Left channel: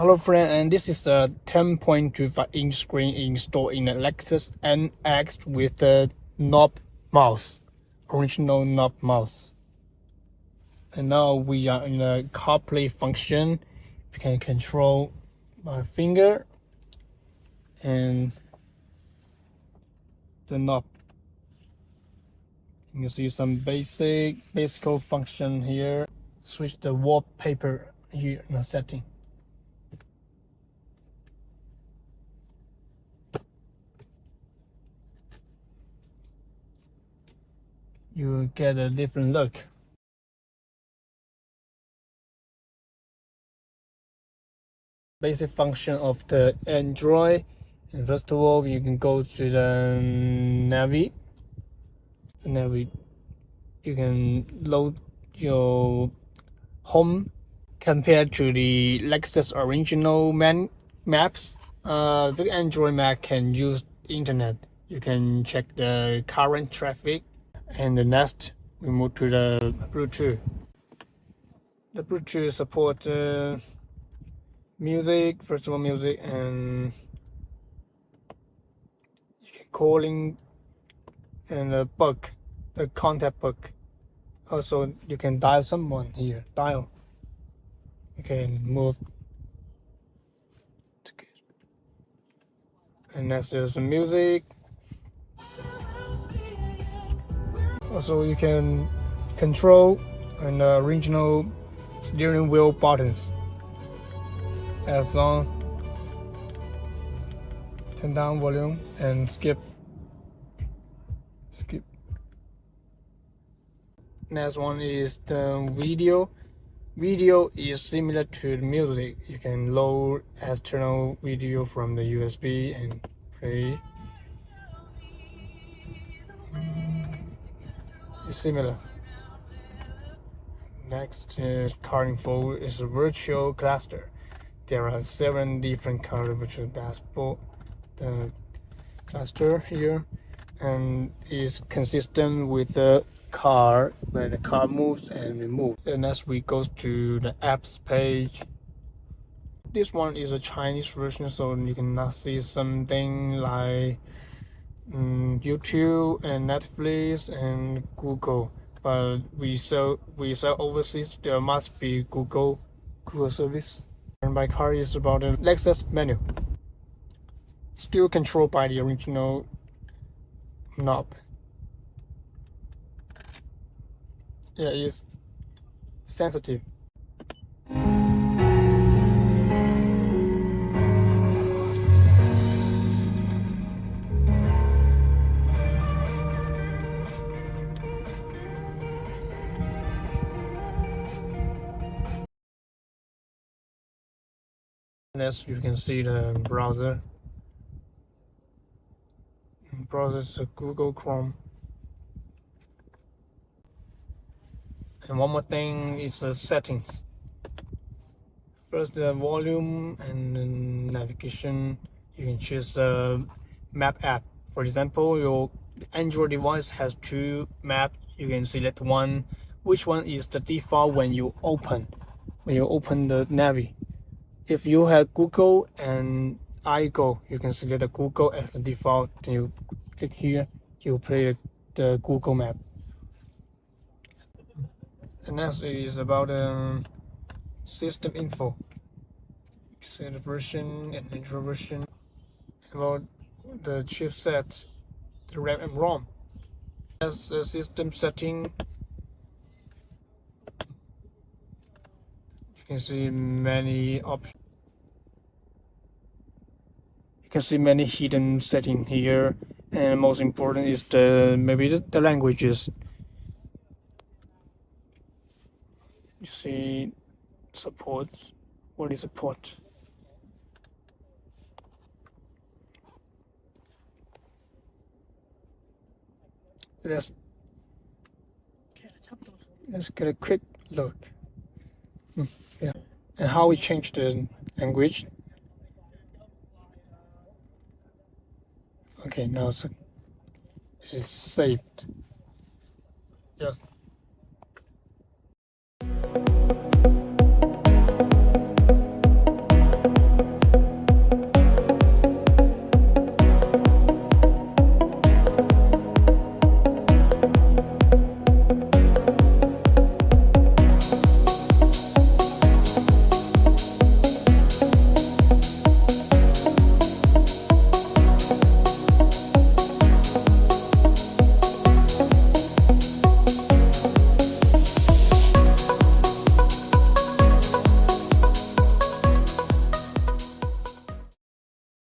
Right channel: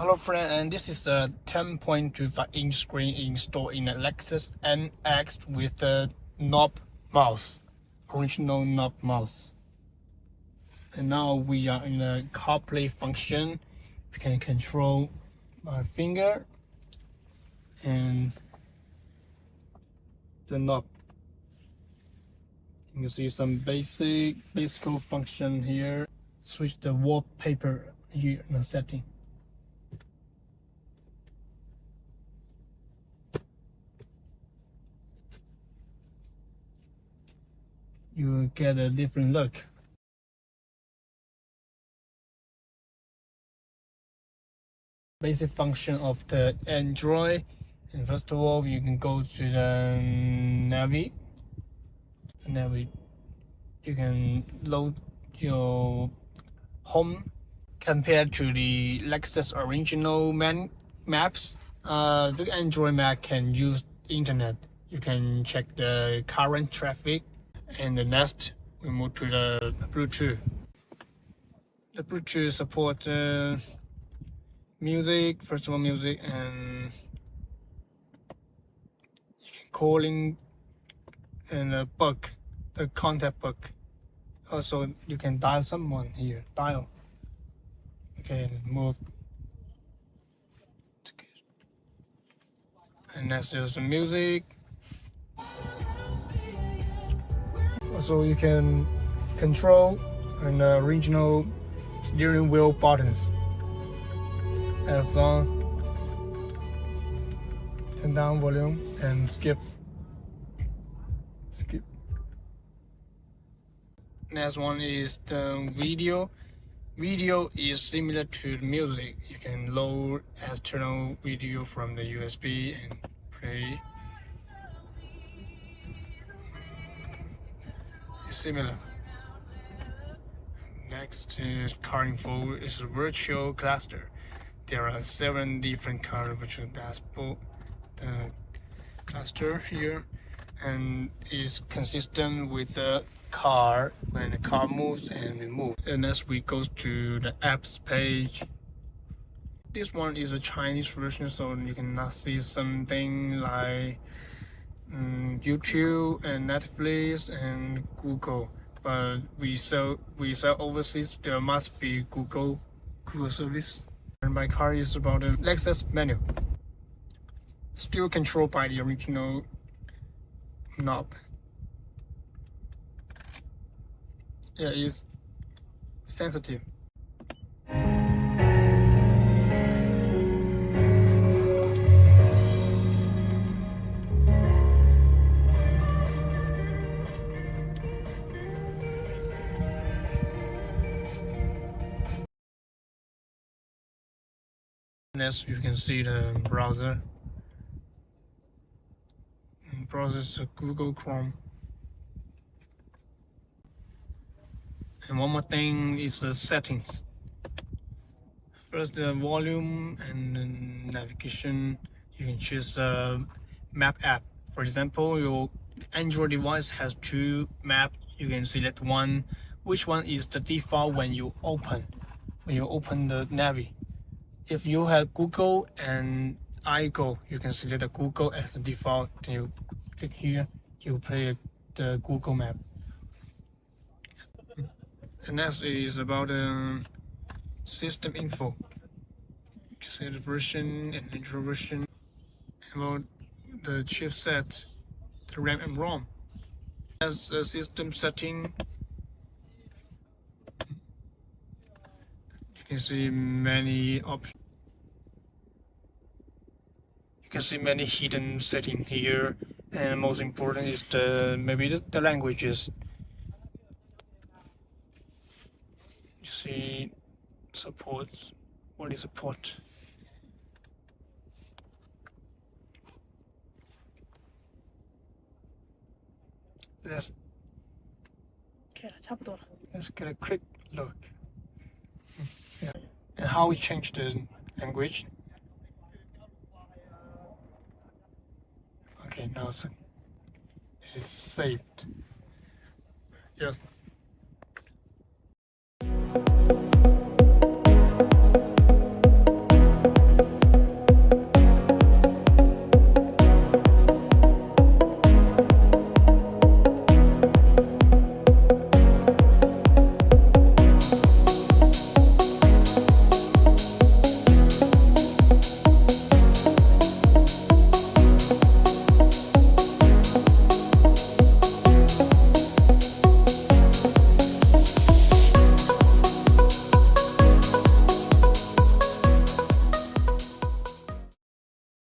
Hello friend, and this is a 10.25-inch screen installed in a Lexus NX with a knob mouse, original knob mouse. And now we are in the Carplay function. We can control my finger and the knob. You can see some basic function here. Switch the wallpaper here in the setting. You get a different look. Basic function of the Android. And first of all, you can go to the Navi. You can load your home. Compared to the Lexus original maps, the Android map can use internet. You can check the current traffic. And the next, we move to the Bluetooth. The Bluetooth support music, first of all music, and you can calling and the book, the contact book. Also, you can dial someone here, dial. Okay, move. And next there's the music. Also, you can control and original steering wheel buttons. Add song, turn down volume, and skip. Next one is the video. Video is similar to the music. You can load external video from the USB and play. It's similar. Next is car info is a virtual cluster. There are 7 different car virtual dashboard. The cluster here, and is consistent with the car when the car moves and removes. And as we go to the apps page, this one is a Chinese version, so you cannot see something like YouTube and Netflix and Google. But we sell overseas. There must be Google service. And my car is about the Lexus menu. Still controlled by the original knob. Yeah, it's sensitive. Next, you can see the browser. Browser is Google Chrome. And one more thing is the settings. First, the volume and the navigation. You can choose a map app. For example, your Android device has 2 maps. You can select one. Which one is the default when you open the Navi? If you have Google and iGo, you can select the Google as the default. Then you click here, you play the Google map. And next is about system info. See the version and Android version. About the chipset, the RAM and ROM. As the system setting, you can see many options. You can see many hidden settings here, and most important is maybe the languages. You see supports. What is support? Let's get a quick look. Yeah. And how we change the language. Okay, now it's saved. Yes.